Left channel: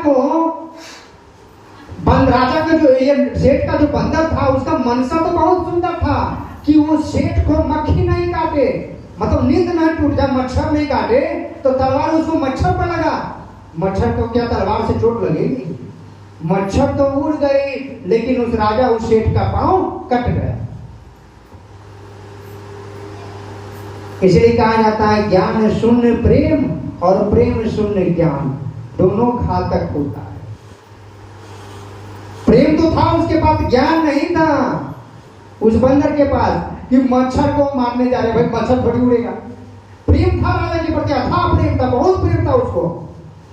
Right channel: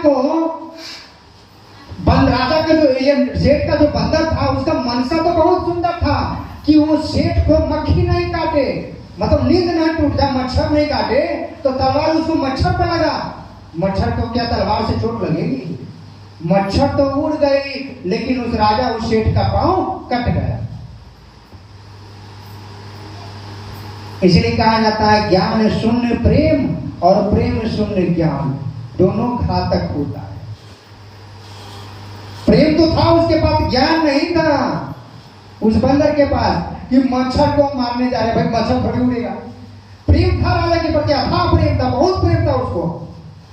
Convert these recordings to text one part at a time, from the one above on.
को राजा का जो ये सेठ का जो बंदर था उसका मनसा तो बहुत सुंदर था कि वो सेठ को मक्खी नहीं काटे, मतलब नींद नहीं टूट जाए, मच्छर नहीं काटे, तो तलवार उसको मच्छर पर लगा। मच्छर को क्या तलवार से चोट लगेगी? मच्छर तो उड़ गई, लेकिन उस राजा उस सेठ का पांव कट गया। इसलिए कहा जाता है ज्ञान शून्य प्रेम और प्रेम शून्य ज्ञान, दोनों घातक होता है। प्रेम तो था उसके पास, ज्ञान नहीं था उस बंदर के पास कि मच्छर को मारने जा रहे, भाई मच्छर थोड़ी उड़ेगा। प्रेम था राजा के प्रति, था प्रेम था, बहुत प्रेम था उसको,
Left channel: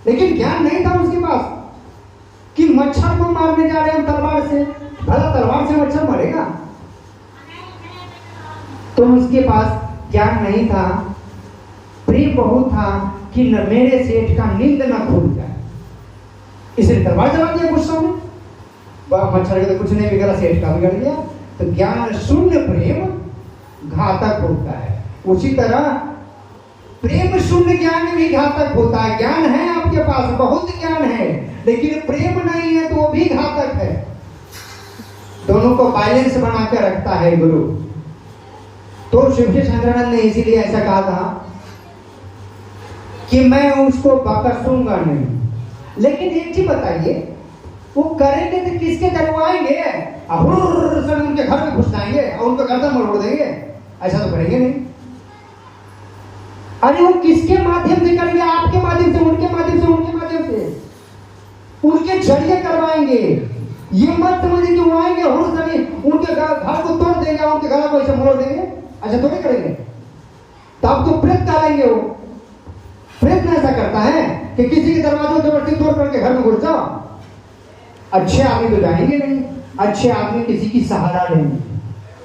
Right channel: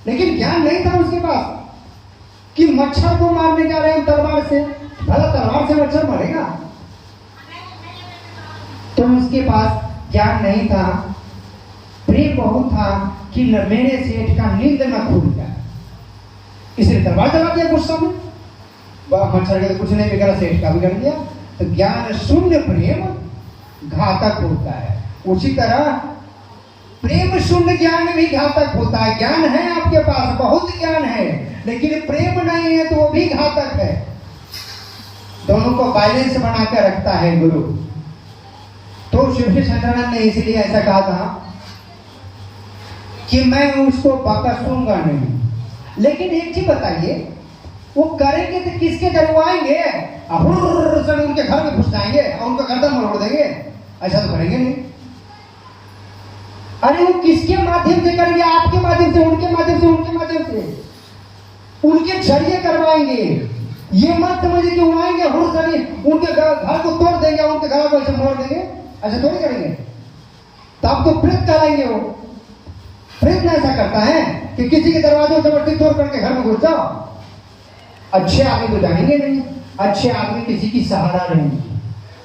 लेकिन ज्ञान नहीं था उसके पास कि मच्छर को मारने जा रहे हैं तलवार से। भला तलवार से मच्छर मरेगा? तो उसके पास ज्ञान नहीं था, प्रेम बहुत था कि मेरे सेठ का नींद न खुल जाए, इसलिए तलवार चला दिया गुस्सा में। मच्छर का तो कुछ नहीं बिगड़ा, सेठ का बिगड़ गया। तो ज्ञान शून्य प्रेम घातक होता है। उसी तरह प्रेम शून्य ज्ञान भी घातक होता है। ज्ञान है आपके पास, बहुत ज्ञान है, लेकिन प्रेम नहीं है तो वो भी घातक है। दोनों को बैलेंस बना के रखता है गुरु। तो शिव शंकरानंद ने इसीलिए ऐसा कहा था कि मैं उसको बकसूंगा नहीं। लेकिन एक चीज बताइए, वो करेंगे तो किसके डरवाएंगे? उनके घर में घुस जाएंगे और उनको गर्दन मरोड़ देंगे? ऐसा तो करेंगे नहीं। अरे वो किसके माध्यम से करेंगे? आपके माध्यम से, उनके माध्यम से, उनके माध्यम से, उनके जरिए करवाएंगे। ये मत समझिए कि वो आएंगे उनके घर को तोड़ देंगे, उनके घर को ऐसे मोड़ देंगे, ऐसा थोड़ी करेंगे। तब तो प्रेत करेंगे। वो प्रेत ऐसा करता है कि किसी के दरवाजे जबरदस्ती तोड़ करके घर में घुस जाओ। अच्छे आदमी तो जाएंगे नहीं, अच्छे आदमी किसी की सहारा लेंगे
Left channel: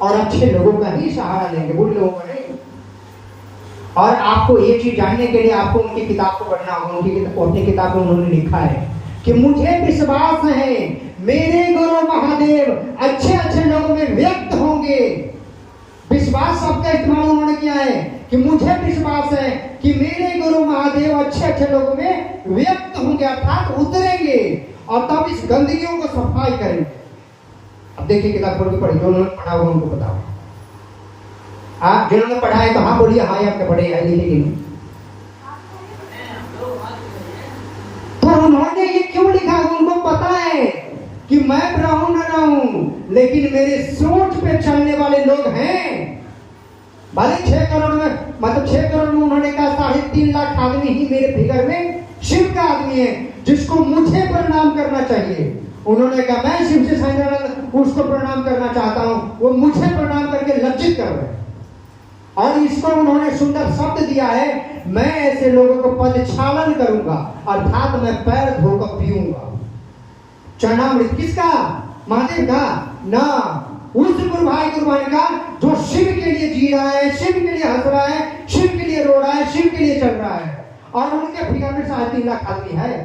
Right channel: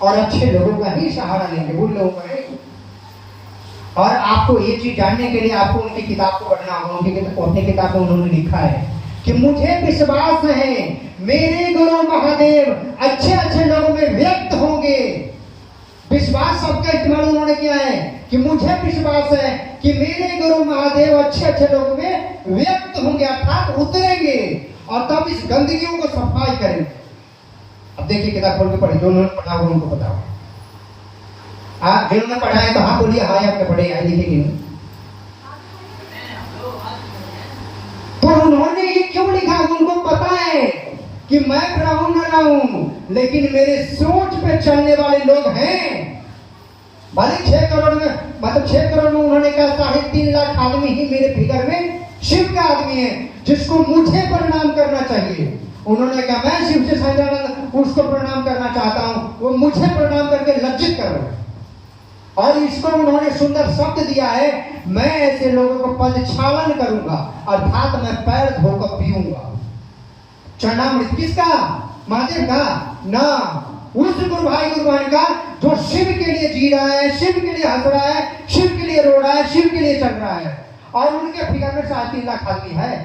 और अच्छे लोगों का ही सहारा लेंगे, बुरे लोगों का नहीं। और आपको ये चीज जानने के लिए आपको उनकी किताब को पढ़ना होगा। अपनी किताब में उन्होंने लिखा है कि मुझे विश्वास है मेरे गुरु महादेव अच्छे अच्छे लोगों में व्यक्त होंगे। विश्वास शब्द का इस्तेमाल उन्होंने किया है कि मुझे विश्वास है कि मेरे गुरु महादेव अच्छे अच्छे लोगों में व्यक्त होंगे, अर्थात उतरेंगे और तब इस गंदगियों को सफाई करेंगे। अब देखिए किताब खोल के पढ़िए, जो उन्होंने पढ़ा होगा उनको बताओ। आप जिन्होंने पढ़ा है तो हाँ बोलिए, हाँ आपने पढ़े हैं, लिखे कि नहीं? तो उन्होंने ये क्यों लिखा? उनको पता है कि मैं रहूं न रहूं, लेकिन मेरे सोच पे चलने वाले लोग हैं। भले 6 करोड़ में, मतलब 6 करोड़ में उन्होंने कहा 3.5 लाख आदमी ही मेरे फिगर में शिव का आदमी है जिसको मुझे प्रणाम करना चाहिए। उन्होंने कहा मैं शिव से शंकरानंद उसको प्रणाम करना चाहता हूं, वो मुझे प्रणाम करके लज्जित कर रहे हैं। और इसको उन्होंने सुंदर शब्द दिया है, मैं ऐसे लोगों को पदक्षालन करूंगा, अर्थात मैं पैर धोकर पीऊंगा। चरणामृत किसका? महादेव का ना, उस गुरु भाई का जो शिव के लिए जी रहा है, शिव के लिए हंस रहा है, शिव के लिए रो रहा है, शिव के लिए चल रहा है। और उनके फिगर में 3.5 लाख आदमी है।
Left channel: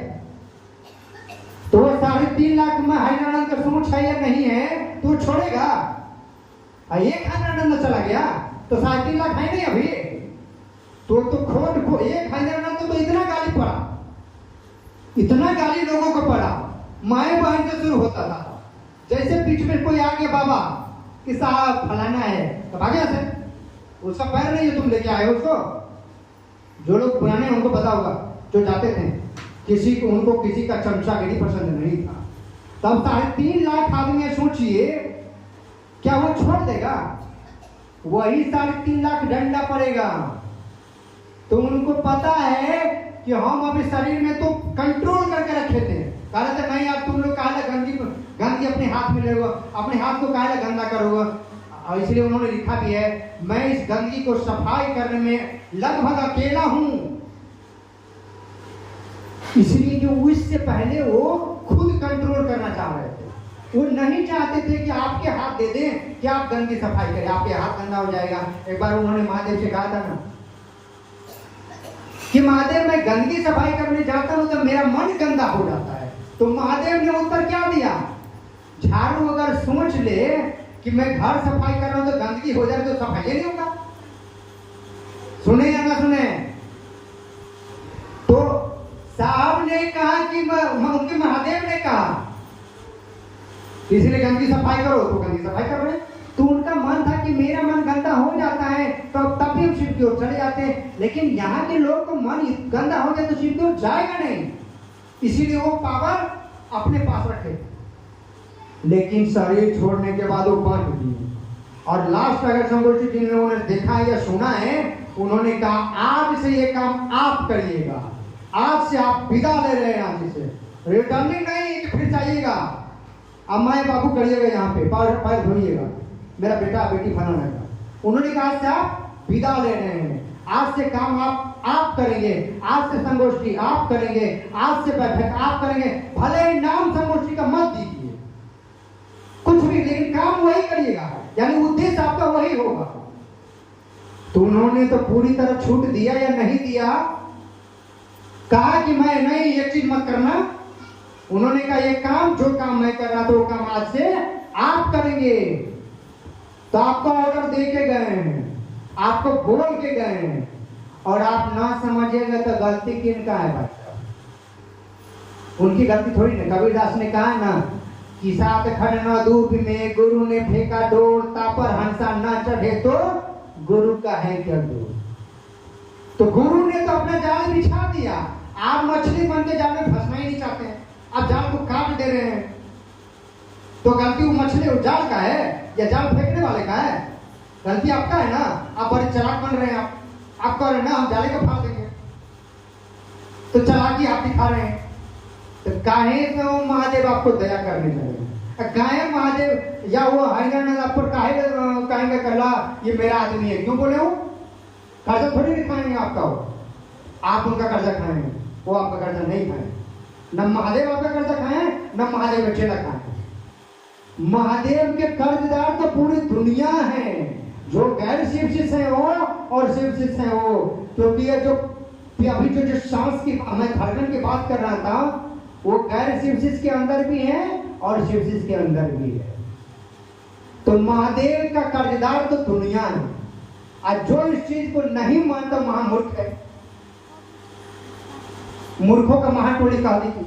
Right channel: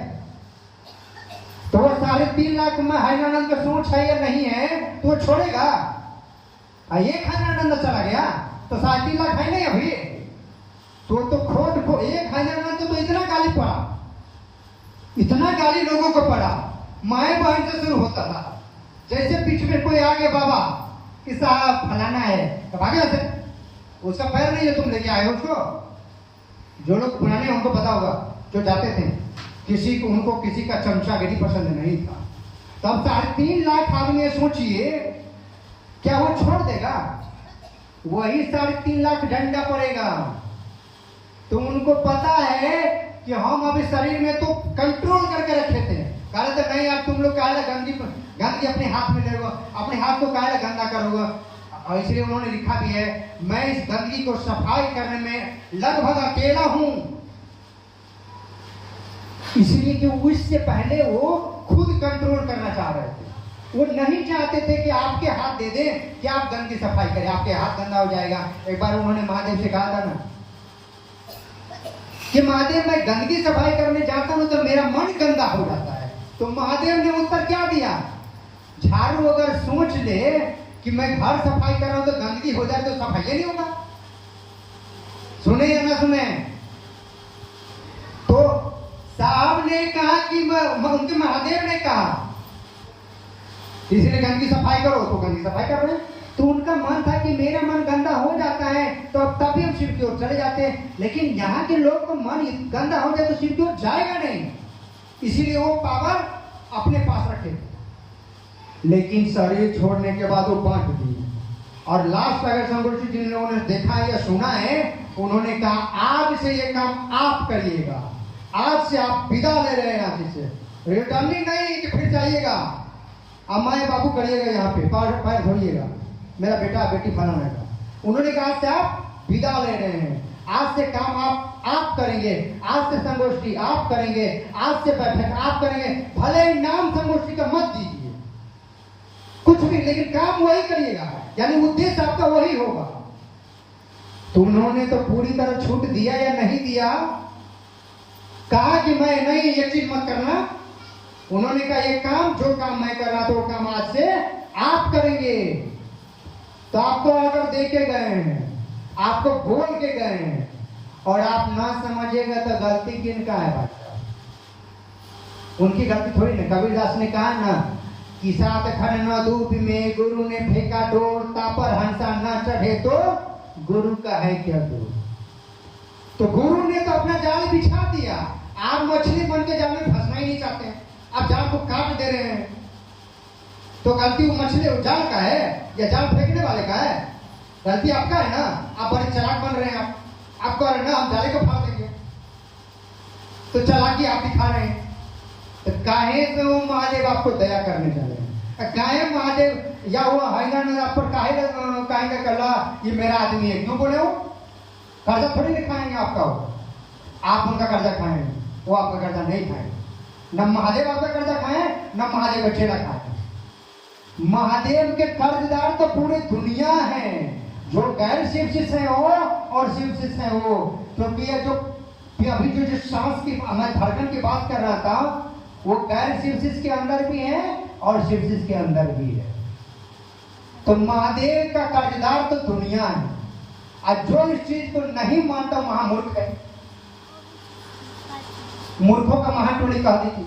तो 3.5 लाख में हरिनानंद का सोच है या नहीं है तो छोड़ेगा? एक हरिनानंद चला गया तो 3.5 लाख है नहीं अभी। तो खोट को एक हरिनानंद तो इतना गाली पड़ा, इतना गाली लोगों को पड़ा, माए बहन से शुरू होता था। जैसे बीच में कोई आ गया बाबा कि साहब फलाना है, तब आ गया से उसका पैर नहीं है, तुम लेके आए हो उसको। जो लोग पुराने उनको पता होगा, जो जाते थे, किसी को उनको किसी का चमचागिरी पसंद नहीं था। तब 3.5 लाख आदमी, सोचिए क्या वो छोड़ देगा? वही 3.5 लाख डंडा पड़ेगा। तो उनको पता है कि हम अभी शरीर में तो कंट्रोल करके रखे थे। कहा थे नहीं अब तुम लोग काहे गंदगी अपने हाथ में ले, अपने हाथ को काहे गंदा करोगे। और इसलिए उन्होंने लिखा भी है, मैं इस गंदगी को सफाई करने में लगभग अकेला हूं। इसलिए कि उससे पहले वो खुद कंट्रोल करना चाह रहे थे। वो नहीं चाहते थे कि आपके हाथ दे दें कि आप गंदगी सफाई करें, आपके हाथ गंदा हो जाएगा। एक बार उन्होंने महादेव से कहा था ना कि महादेव मैं गंदगी सफाई करने जाता हूं तो मेरा मन गंदा हो जाता है। तो महादेव ने उत्तर क्या दिया? झाड़ू अगर सोच ले कि मैं घर सफाई कर रहा हूं तो गंदगी हो जाए तो सफाई नहीं होगा। सुने या ना सुने? तो साहब ने कहा कि उनके किसी ने गंदगी सफाई करो तो गंदगी सफाई कर रहे हैं। तो उनका मन था कि मेरा मन गंदा हो जाता है तो तब भी हम शिव की ओर चले जाते हैं, लेकिन यहाँ के लोग को मन गंदा हो जाए तो शिव की ओर जाएगा नहीं, इसीलिए वो पावर अपने पास रखे। लेकिन शरीर छोड़ने के बाद वो बांट दिए। और लास्ट अगर संगोष्ठी जिन लोगों ने देखा या सुना है, उन्होंने कहा आज से ये काम आप करिएगा, आज से आप विदा ले रहे हैं यहाँ से, रिटर्निंग नहीं कि फिर जाइएगा, अम्मा बाबू करिएगा, यहाँ पे पैर धोइएगा, मेरा बेटा बेटी फलाना का। उन्होंने कहा आज से आप विदा ले रहे हैं, आज से काम आप करेंगे, आज से संगोष्ठी आप करेंगे, आज से बैठक आप करेंगे, भले ही नाम संगोष्ठी का मत दीजिए कुछ भी, लेकिन काम वही करिएगा, यानी उद्देश्य आपका वही होगा। तो उन्होंने तो पूरी तरह छूट दिया या नहीं दिया? कहा कि मैं नहीं, ये चीज मत करना। उन्होंने कहा ये काम, जो काम मैं कर रहा था वो काम आज से आप करेंगे। तो आपको ऑर्डर दे के गए हैं, आपको बोल के गए हैं, और आप ना समझिएगा तो गलती किनका है भाई? उनकी गलती थोड़ी ना। कबीरदास ने कहा ना कि सात खड़ न दूध में गुरु ने फेंका डोर, तापर हंसा न चढ़े तो गुरु का है क्या दूर। तो गुरु ने तो अपना जाल बिछा दिया, आप मछली बन के जाल में फंसना ही नहीं चाहते, आप जाल को काट दे रहे हैं। तो गलती वो मछली वो जाल का है या जाल फेंकने वाले का है? गलती आपका है ना, आप बड़े चालाक बन रहे हैं। आप कह रहे हैं ना हम जाले को फाड़ देंगे, तो चालाकी आप दिखा रहे हैं। तो काहे से वो महादेव आपको दया करने जाएगा? काहे महादेव या वो हैरान आप पर काहे कहेंगे करला ये मेरा आदमी है? क्यों बोले? वो कर्जा थोड़ी दिखाएंगे आपका, वो आप उनका कर्जा खाएंगे, वो आपका कर्जा नहीं खाएंगे। न महादेव आपका कर्जा खाए, न महादेव का चेला खाए। महादेव के कर्जदार तो पूरी दुनिया है, जो गैर शिव शिष्य है वो और शिव शिष्य है वो। क्योंकि ये जो अभी जो सांस की मैं धड़कन की बात कर रहा था, वो गैर शिव शिष्य के अंदर भी है और शिव शिष्य के अंदर भी है। तो महादेव का कर्जदार तो दुनिया है, और जो इस चीज को नहीं मानता महामूर्ख है। मूर्खों का महाटोली कह दी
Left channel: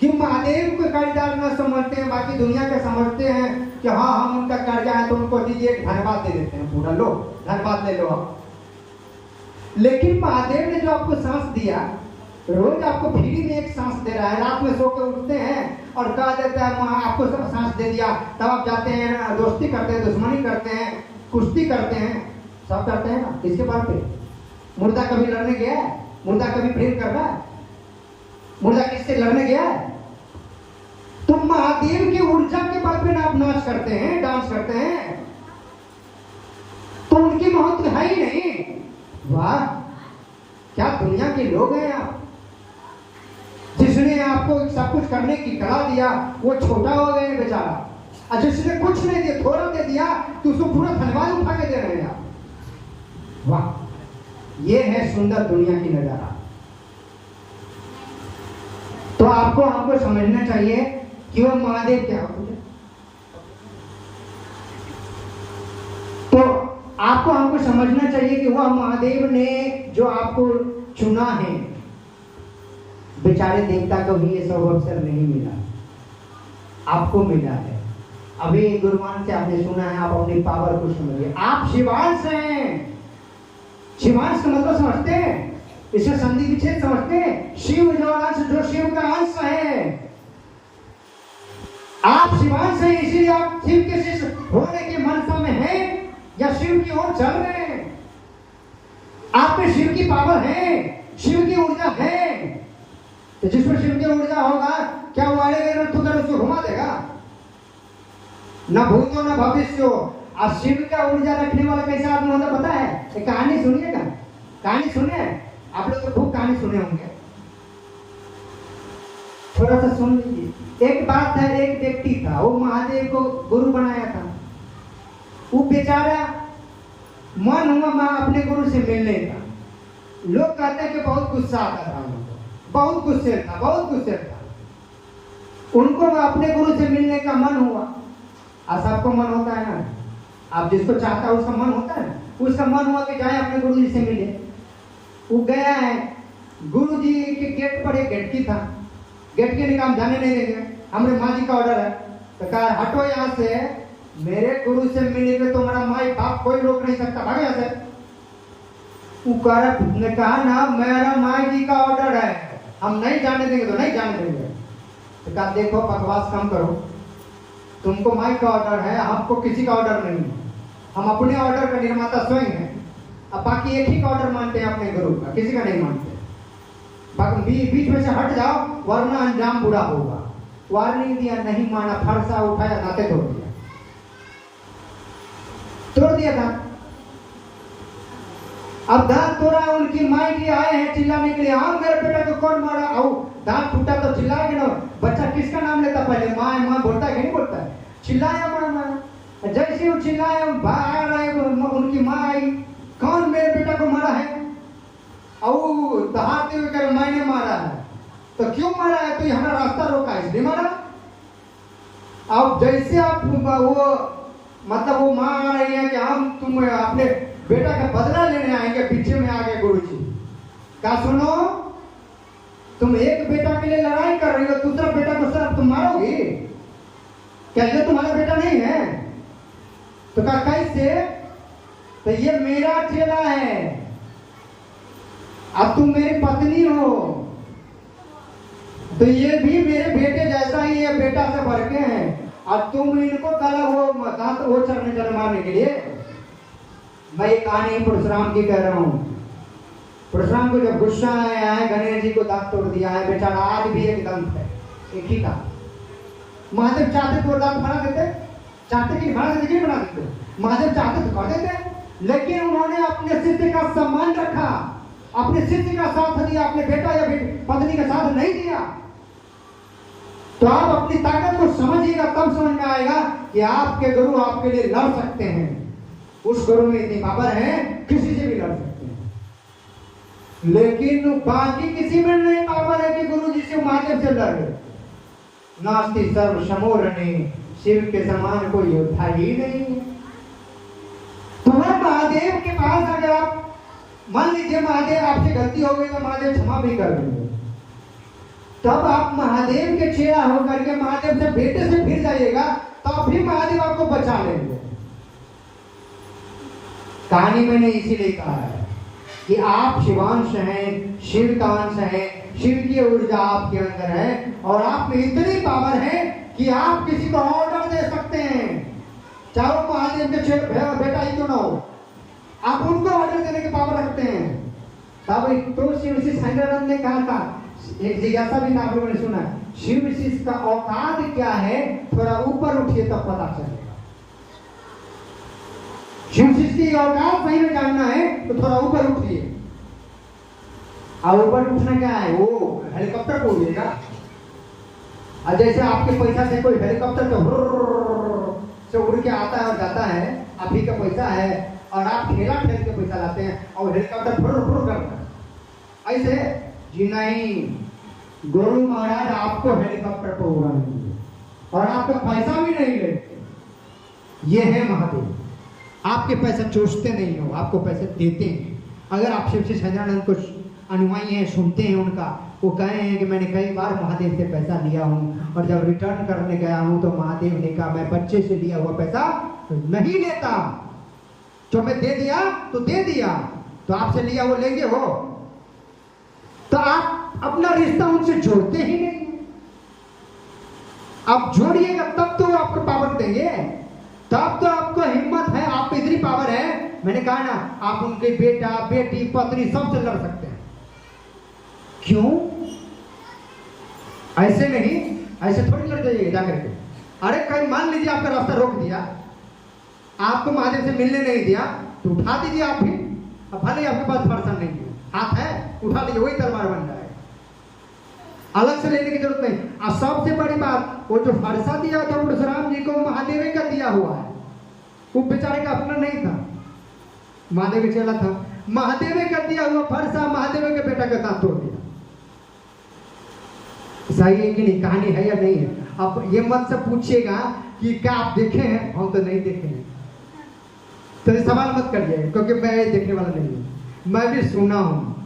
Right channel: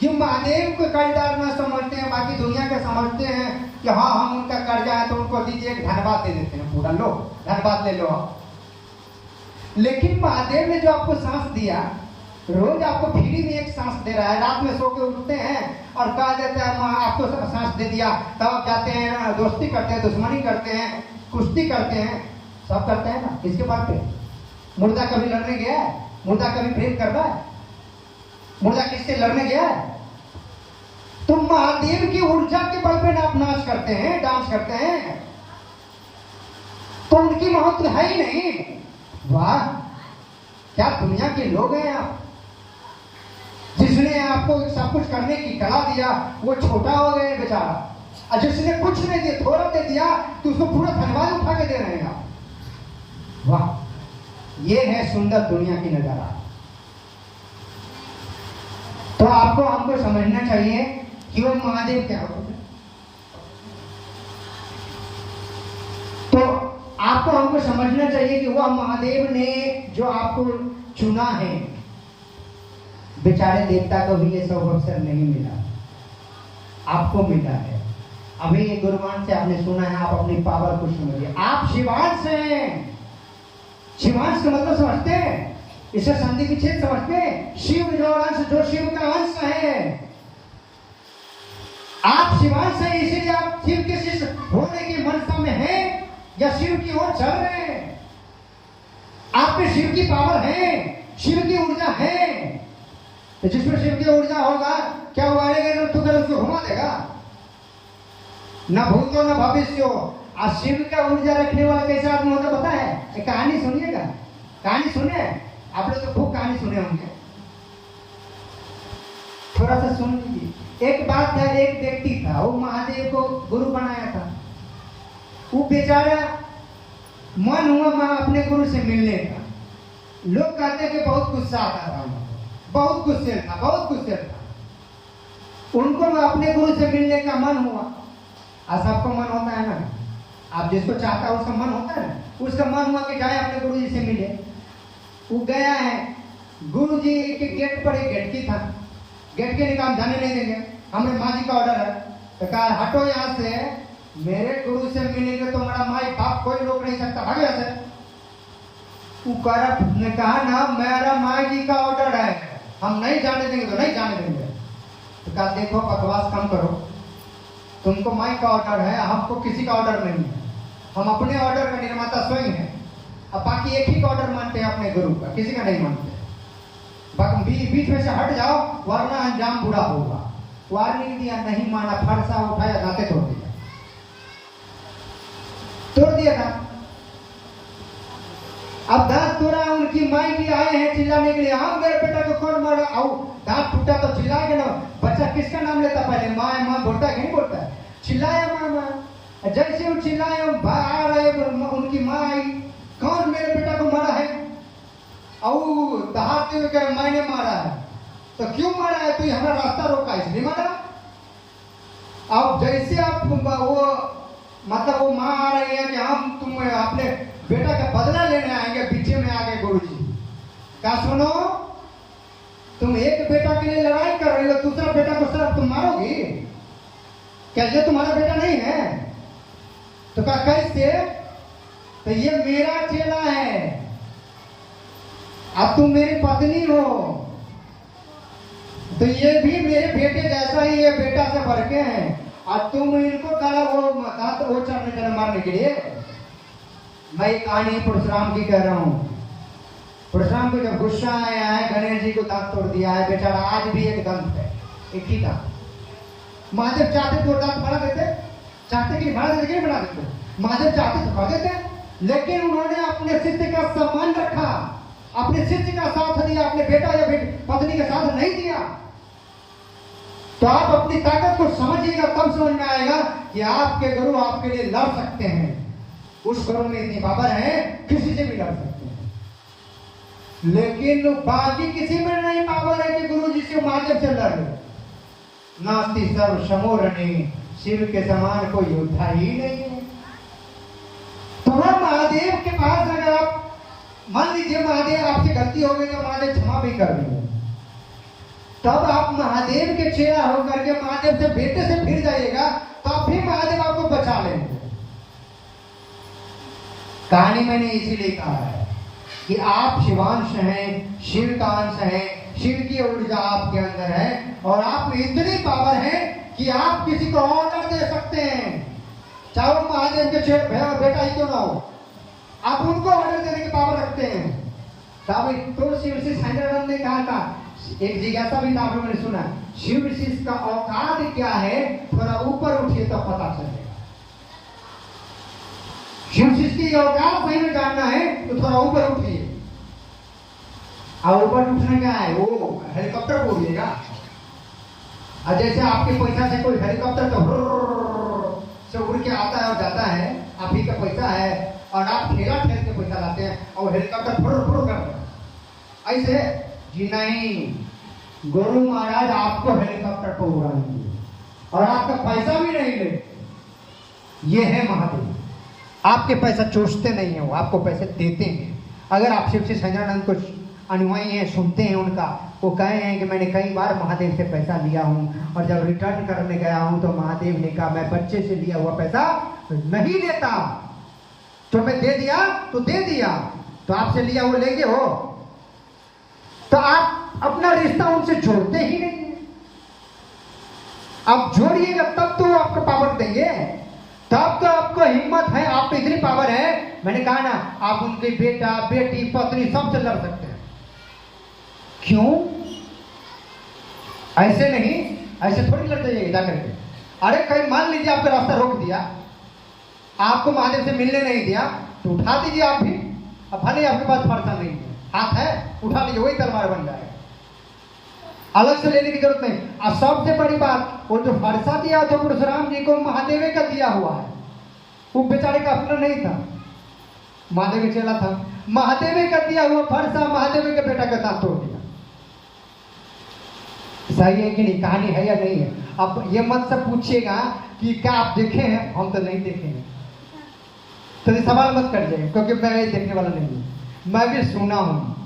कि महादेव को कर्जदार न समझते हैं, बाकी दुनिया का समझते हैं कि हाँ हम उनका कर्जा है तो उनको दीजिए, धन्यवाद दे देते हैं, पूरा लो धन्यवाद ले लो आप। लेकिन महादेव ने जो आपको सांस दिया, रोज आपको फ्री में एक सांस दे रहा है, रात में सो के उठते हैं और कह देता है माँ आपको सांस दे दिया, तब आप जाते हैं दोस्ती करते हैं, दुश्मनी करते हैं, कुश्ती करते हैं, सब करते हैं ना। किसके बल पे? मुर्दा कभी लड़ने गया है? मुर्दा कभी प्रेम कर रहा है? मुर्दा किससे लड़ने गया है? तो महादेव की ऊर्जा के बल पे आप नाच करते हैं, डांस करते हैं, तो उनकी महत्व है ही नहीं। वाह, क्या दुनिया के लोग हैं आप। जिसने आपको सब कुछ करने की कला दिया वो छोटा हो गए बेचारा, और जिसने कुछ नहीं दिया, थोड़ा दे दिया, तो उसको पूरा धन्यवाद उठा के दे रहे हैं आप। वाह, ये है सुंदर दुनिया की नजारा। तो आपको हमको समझना चाहिए कि वो महादेव क्या होते हैं। तो आपको हमको समझना चाहिए कि वह महादेव ने जो आपको चुना है, बेचारे देवता को भी ये सब अवसर नहीं मिला, आपको मिला है। अभी गुरुवान से आपने सुना है, आप अपनी पावर को समझिए। आप शिवांश हैं। शिवांश का मतलब समझते हैं? इसे संधि विच्छेद समझते हैं? शिव जो अंश, जो शिव का अंश है, आप शिवांश हैं, इसीलिए आप शिव के शिष्य होने की मनसा में हैं या शिव की ओर चल रहे हैं। आप पे शिव की पावर है, शिव की ऊर्जा है। तो जिसमें शिव की ऊर्जा होगा, क्या उगाड़ेगा तो उसको घुमा देगा, न भूतो न भविष्य। और शिव का ऊर्जा रखने वाला कैसा आदमी होता पता है? एक कहानी सुनिएगा, कहानी सुने आप लोग, तो खूब कहानी सुने होंगे, थोड़ा सा सुन लीजिए। एक बात था, एक व्यक्ति था, वो महादेव को गुरु बनाया था। वो बेचारा मन हुआ मैं अपने गुरु से मिलने का। लोग कहते हैं कि बहुत गुस्सा आता था उनको, बहुत गुस्से था, बहुत गुस्से था। उनको अपने गुरु से मिलने का मन हुआ, और सबको मन होता है ना, आप जिसको चाहता है उसका मन होता है ना, उसका मन हुआ कि जाए अपने गुरु जी से मिले। वो गया है, गुरु जी के गेट पर एक गेटकी था, गेटकी ने कहा जाने नहीं देंगे, हमारे माँ जी का ऑर्डर है, तो कहा हटो यहाँ से, मेरे गुरु से मिलने के तुम्हारा माई बाप कोई रोक नहीं सकता, भागो यहाँ से। ने कहा ना मेरा माई जी का ऑर्डर है, हम नहीं जाने देंगे तो नहीं जाने देंगे। तो कहा देखो बकवास कम करो, तुमको माई का ऑर्डर है, हमको किसी का ऑर्डर नहीं है, हम अपने ऑर्डर का निर्माता स्वयं हैं। अब बाकी एक ही का ऑर्डर मानते हैं अपने गुरु का, किसी का नहीं मानते। बाकी बीच में से हट जाओ वरना अंजाम बुरा होगा। वार्निंग दिया, नहीं माना, फरसा उठाया, दांते तोड़ दिया था। अब दांत तोड़ा, उनकी माई जी आए हैं चिल्लाने के लिए, हाँ मेरे बेटा को कौन मारा, आओ दांत टूटा तो चिल्लाएंगे ना। बच्चा किसका नाम लेता पहले, माँ माँ बोलता है कि नहीं बोलता है, चिल्लाया माँ। जैसे वो चिल्लाया आ रहे, उनकी माँ आई, कौन मेरे बेटा को मारा है, और दहाड़ते हुए कह मैंने मारा है। तो क्यों मारा है, तो हमारा रास्ता रोका इसलिए मारा। अब जैसे आप वो मतलब वो माँ आ रही है कि हम तुम अपने बेटा का बदला लेने आएंगे, पीछे में आ गए गुरुजी। क्या सुनो, तुम एक बेटा के लिए लड़ाई कर रही हो, दूसरा बेटा को सर तुम मारोगी क्या, ये तुम्हारा बेटा नहीं है? तो कहा कैसे, तो ये मेरा चेला है, अब तुम मेरी पत्नी हो, तो ये भी मेरे बेटे जैसा ही, ये बेटा से भर के हैं, और तुम इनको करा वो दांत वो चढ़ने चढ़े मारने के लिए। मैं ये कहानी परशुराम की कह रहा हूँ। परशुराम को जब गुस्सा आया है, गणेश जी को दांत तोड़ दिया है, बेचारा आज भी एक दंत है, एक ही का। महादेव चाहते तो दांत बना देते, चाहते कि बना देते, नहीं बना देते, महादेव चाहते तो कर देते, लेकिन उन्होंने अपने शिष्य का सम्मान रखा, अपने शिष्य का साथ दिया, अपने बेटा या पत्नी का साथ नहीं दिया। तो आप अपनी ताकत को समझिएगा, तब समझ में आएगा कि आपके गुरु आपके लिए लड़ सकते हैं। उस गुरु में इतनी पावर है, किसी से भी लड़ सकते हैं, लेकिन बाकी किसी में नहीं पावर है कि गुरु जी से महादेव से लड़ लो। नास्ति सर्व समोरणे, शिव के समान कोई योद्धा ही नहीं है। तो महादेव के पास अगर आप मान लीजिए महादेव आपसे गलती हो गई तो महादेव क्षमा भी कर देंगे, तब आप महादेव के चेहरा होकर के महादेव से बेटे से फिर जाइएगा, तब भी महादेव आपको बचा लेंगे। कहानी मैंने इसीलिए कहा है कि आप शिवांश हैं, शिव का अंश है, शिव की ऊर्जा आपके अंदर है, और आप में इतनी पावर है कि आप किसी को ऑर्डर दे सकते हैं, चाहे वो महादेव के बेटा ही क्यों ना हो, आप उनको ऑर्डर देने की पावर रखते हैं। तब तुलसी ऋषि साईनारायण ने कहा था, एक जिज्ञासा भी था, आप लोगों ने सुना, शिव ऋषि का औकात क्या है, थोड़ा ऊपर उठिए तब पता चलेगा। शिव ऋषि की औकात सही में जानना है तो थोड़ा ऊपर उठिए। और ऊपर उठने क्या है, वो हेलीकॉप्टर को उड़िएगा। और जैसे आपके पैसा से कोई हेलीकॉप्टर तो से उड़ के आता है और जाता है, आप ही का पैसा है, और आप ठेला ठेल के पैसा लाते हैं और हेलीकॉप्टर फुर फुर कर रहा है, ऐसे जी नहीं। गुरु महाराज आपको हेलीकॉप्टर को उड़ाएंगे और आपका पैसा भी नहीं लेते। ये है महादेव, आपके पैसा चूसते नहीं है, वो आपको पैसे देते हैं। अगर आप शिव से साईनारायण को अनुयायी हैं, सुनते हैं उनका, वो कहे हैं कि मैंने कई बार महादेव से पैसा लिया हूँ, और जब रिटर्न करने गया हूँ तो महादेव ने कहा मैं बच्चे से लिया हुआ पैसा नहीं लेता, तो मैं दे दिया तो दे दिया, तो आपसे लिया वो लेंगे हो, तो आप अपना रिश्ता उनसे जोड़ते ही नहीं। आप जोड़िएगा तब तो आपको पावर देंगे, तब तो आपको हिम्मत है, आप पे इतनी पावर है। मैंने कहा ना, आप उनके बेटा बेटी पत्नी सबसे लड़ सकते हैं। क्यों? ऐसे नहीं, ऐसे थोड़ी लड़ जाइए जाकर के। अरे कहीं मान लीजिए आपका रास्ता रोक दिया, आपको महादेव से मिलने नहीं दिया, तो उठा दीजिए आप भी। अब भले आपके पास फरसा नहीं है, हाथ है, उठा लीजिए, वही तलवार बन जाए, अलग से लेने की जरूरत नहीं। और सबसे बड़ी बात, वो जो फरसा दिया तो परशुराम जी को महादेव का दिया हुआ है, वो बेचारे का अपना नहीं था, महादेव चला था, महादेव का दिया हुआ फरसा महादेव के बेटा के साथ तोड़ दिया। सही है कि नहीं? कहानी है या नहीं है? अब ये मत से पूछिएगा कि क्या आप देखे हैं, हम तो नहीं देखे हैं, तो ये सवाल मत करिए, क्योंकि मैं ये देखने वाला नहीं हूँ, मैं भी सुना हूँ।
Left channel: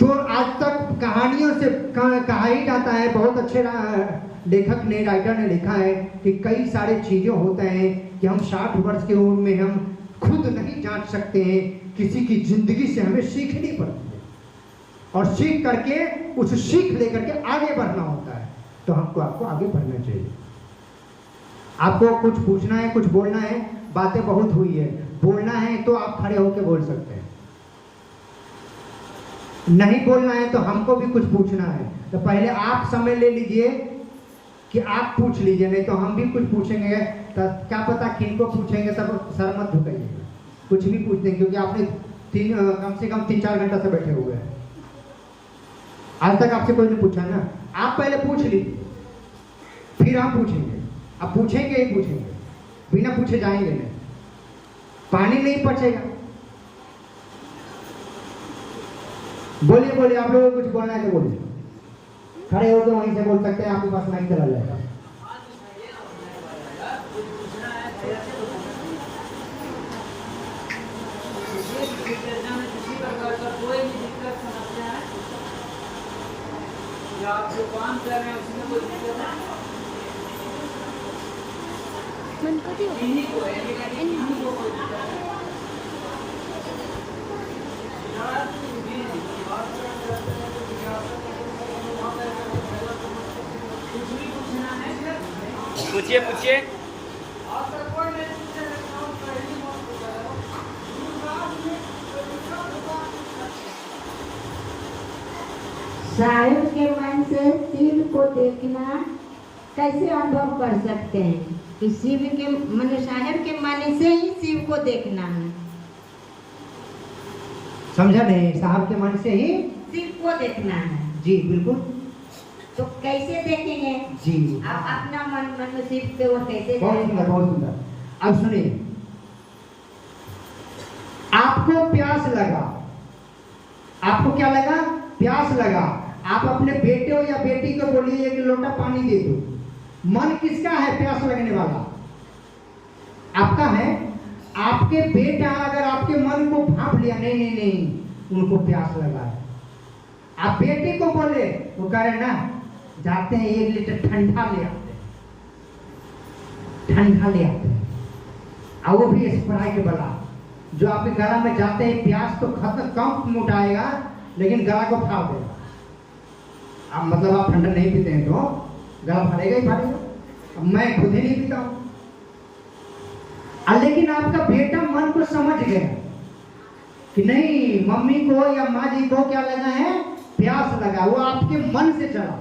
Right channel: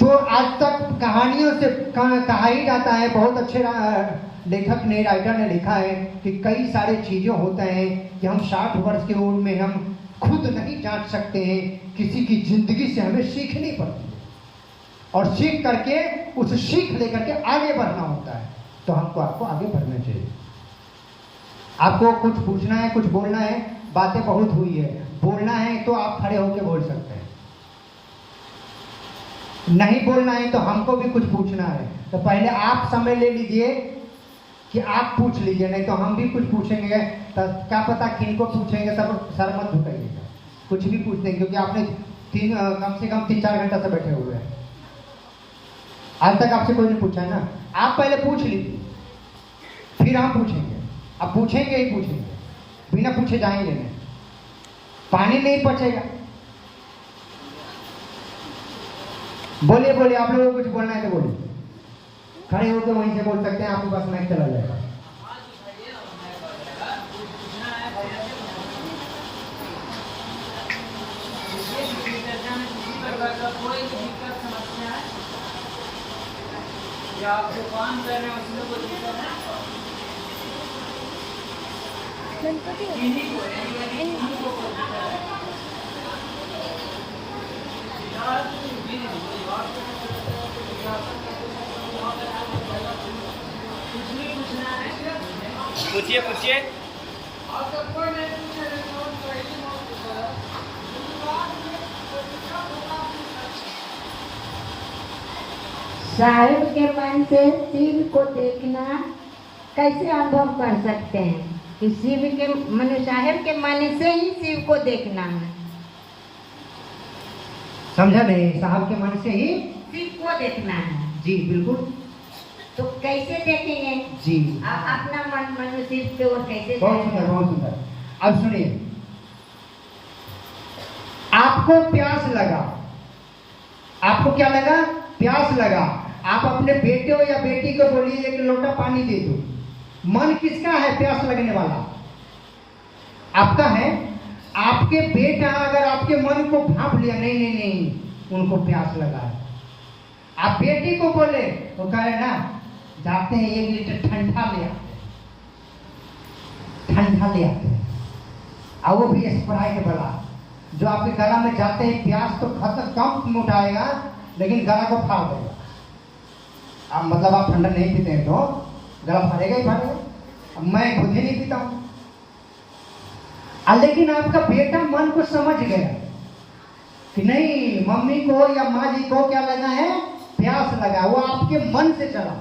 तो जो आज तक कहानियों से कहा ही जाता है, बहुत अच्छे लेखक ने, राइटर ने लिखा है कि कई सारी चीज़ें होते हैं कि हम 60 वर्ष की उम्र में हम खुद नहीं जांच सकते हैं, किसी की जिंदगी से हमें सीखनी पड़ती है और सीख करके उस सीख लेकर के आगे बढ़ना होता है। तो हमको आपको आगे बढ़ना चाहिए। आपको कुछ पूछना है, कुछ बोलना है, बातें बहुत हुई है, बोलना है तो आप खड़े होकर बोल सकते हैं, नहीं बोलना है तो हमको भी कुछ पूछना है तो पहले आप समय ले लीजिए कि आप पूछ लीजिए, नहीं तो हम भी कुछ पूछेंगे तो क्या पता किनको पूछेंगे, तब सर मत झुकाइएगा, कुछ भी पूछ देंगे, क्योंकि आपने कम से कम 3-4 घंटा से बैठे हुए हैं, आज तक आपसे कोई नहीं पूछा ना। आप पहले पूछ लीजिए, फिर हम पूछेंगे। अब पूछेंगे ही पूछेंगे, बिना पूछे जाएंगे नहीं, पानी नहीं पचेगा। बोलिए बोलिए, आप लोगों को कुछ बोलना है तो बोलिए, खड़े होकर वहीं से बोल सकते हैं, आपके पास माइक चला जाएगा। आप जो काम कर रहे हैं उसमें कोई दिक्कत है? पूछिए पूछिए। शायर के मन से शिव को देखना कैसे अनुभव कर सकते हैं कि शिव के मन, शायर के मन से ही शिव को देखना है। समझा नहीं? साहब के मन से ही शिव को देखना है। जी बिल्कुल। तो कैसे देखेंगे जी? आप अपना मन मनो शिव पे वो कैसे? बहुत सुंदर, बहुत सुंदर। अब सुनिए, आपको प्यास लगा, आपको क्या लगा? प्यास लगा। आप अपने बेटे हो या बेटी को बोलिए एक लोटा पानी दे दो। मन किसका है प्यास लगने वाला? आपका है। आपके बेटा अगर आपके मन को भाप लिया, नहीं नहीं नहीं उनको प्यास लगा है, आप बेटी को बोले तो कह रहे ना जाते हैं 1 लीटर ठंडा ले आते हैं, ठंडा ले आते हैं, और वो भी स्प्राइट वाला जो आपके गला में जाते हैं, प्यास तो खत्म कम मुटाएगा लेकिन गला को फाड़ देगा। अब मतलब आप ठंडा नहीं पीते हैं तो गला फाड़ेगा ही फाड़ेगा। अब मैं खुद ही नहीं पीता हूं, लेकिन आपका बेटा मन को समझ गया कि नहीं मम्मी को या माँ जी को क्या लगा है? प्यास लगा। वो आपके मन से चला।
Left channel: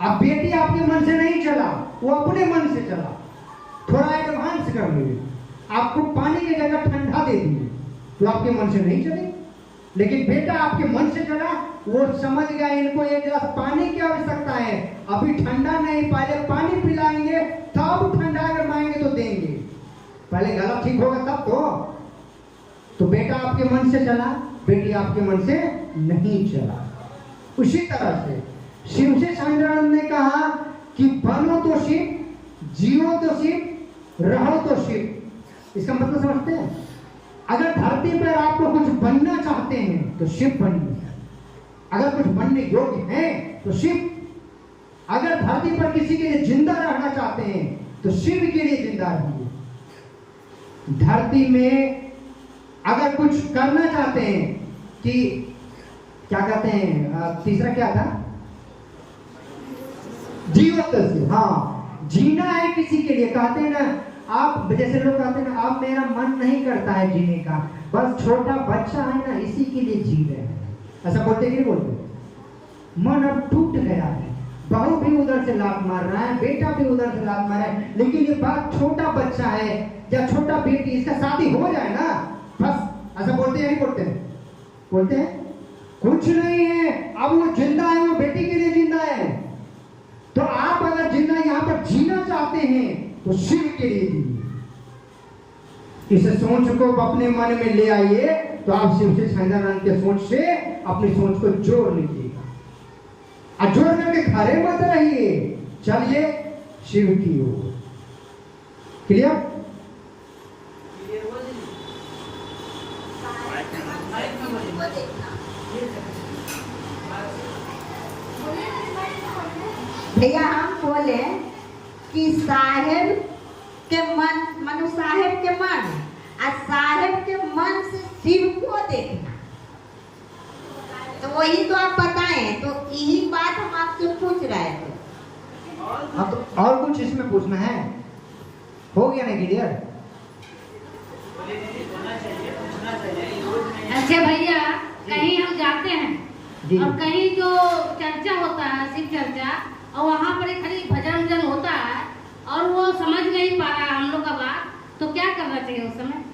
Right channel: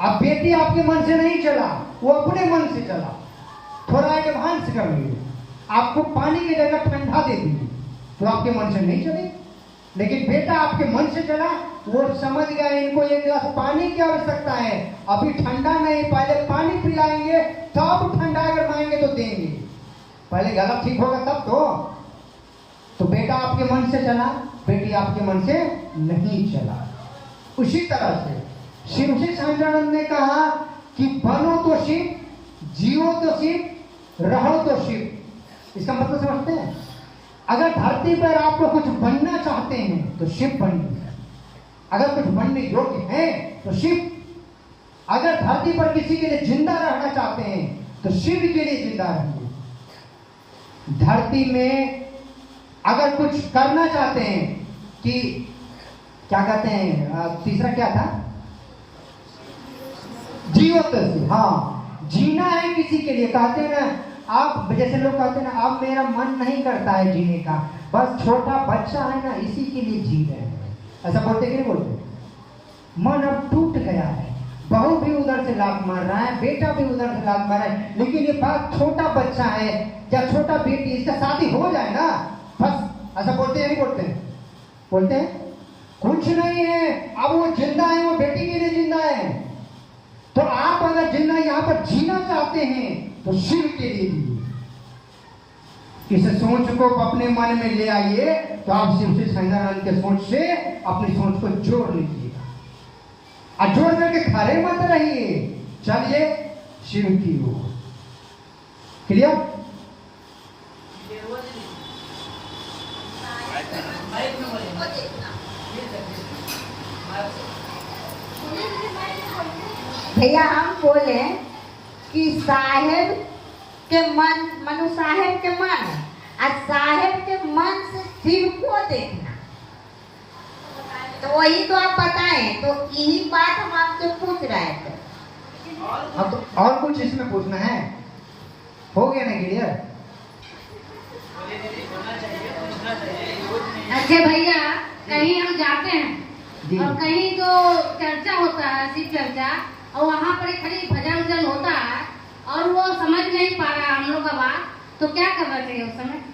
अब बेटी आपके मन से नहीं चला, वो अपने मन से चला। थोड़ा एडवांस कर लिए, आपको पानी की जगह ठंडा दे दिए तो आपके मन से नहीं चले, लेकिन बेटा आपके मन से चला। वो समझ गया इनको 1 गिलास पानी की आवश्यकता है, अभी ठंडा नहीं, पहले पानी पिलाएंगे तब ठंडा अगर मांगेंगे तो देंगे, पहले गला ठीक होगा तब तो बेटा आपके मन से चला, बेटी आपके मन से नहीं चला। उसी तरह से शिव से सच्चिदानंद ने कहा कि बनो तो शिव, जियो तो शिव, रहो तो शिव। इसका मतलब समझते हैं? अगर धरती पर आपको कुछ बनना चाहते हैं तो शिव बनिए, अगर कुछ बनने योग्य हैं तो शिव, अगर धरती पर किसी के लिए जिंदा रहना चाहते हैं तो शिव के लिए जिंदा रहिए। धरती में अगर कुछ करना चाहते हैं कि क्या कहते हैं, तीसरा क्या था? जियो तो शिव। हाँ, जीना है किसी के लिए। कहते हैं ना आप, जैसे लोग कहते हैं ना आप मेरा मन नहीं करता है जीने का, बस छोटा बच्चा है ना इसी के लिए जी रहे हैं, ऐसा बोलते कि नहीं बोलते? मन अब टूट गया है, बहू भी उधर से लात मार रहा है, बेटा भी उधर से लात मार रहा है, लेकिन ये बात छोटा बच्चा है या छोटा बेटी, इसका शादी हो जाए ना बस, ऐसा बोलते हैं नहीं बोलते हैं? बोलते हैं कुछ नहीं है, अब वो जिंदा है, वो बेटी के लिए जिंदा है। तो आप अगर जिंदा यहाँ पर जीना चाहते हैं तो शिव के लिए जीजिए। इस सोच को अपने मन में ले आइए तो आप शिव से सच्चिदानंद के सोच से अपनी सोच को जोड़ लीजिएगा, और जोड़ करके खड़े मत रहिए, चलिए शिव की ओर। क्लियर? भैया हम बोले कि साहेब के मन मनु साहेब के मन और साहेब के मन से शिव को देखना, तो वही तो आप बताएं। तो यही बात हम आपसे पूछ रहे थे। अब तो और कुछ इसमें पूछना है? हो गया ना क्लियर? अच्छा भैया, कहीं हम जाते हैं जी। और कहीं जो चर्चा होता है शिव चर्चा, और वहाँ पर एक खाली भजन उजन होता है और वो समझ नहीं पा रहा है हम लोग का बात, तो क्या करना चाहिए उस समय?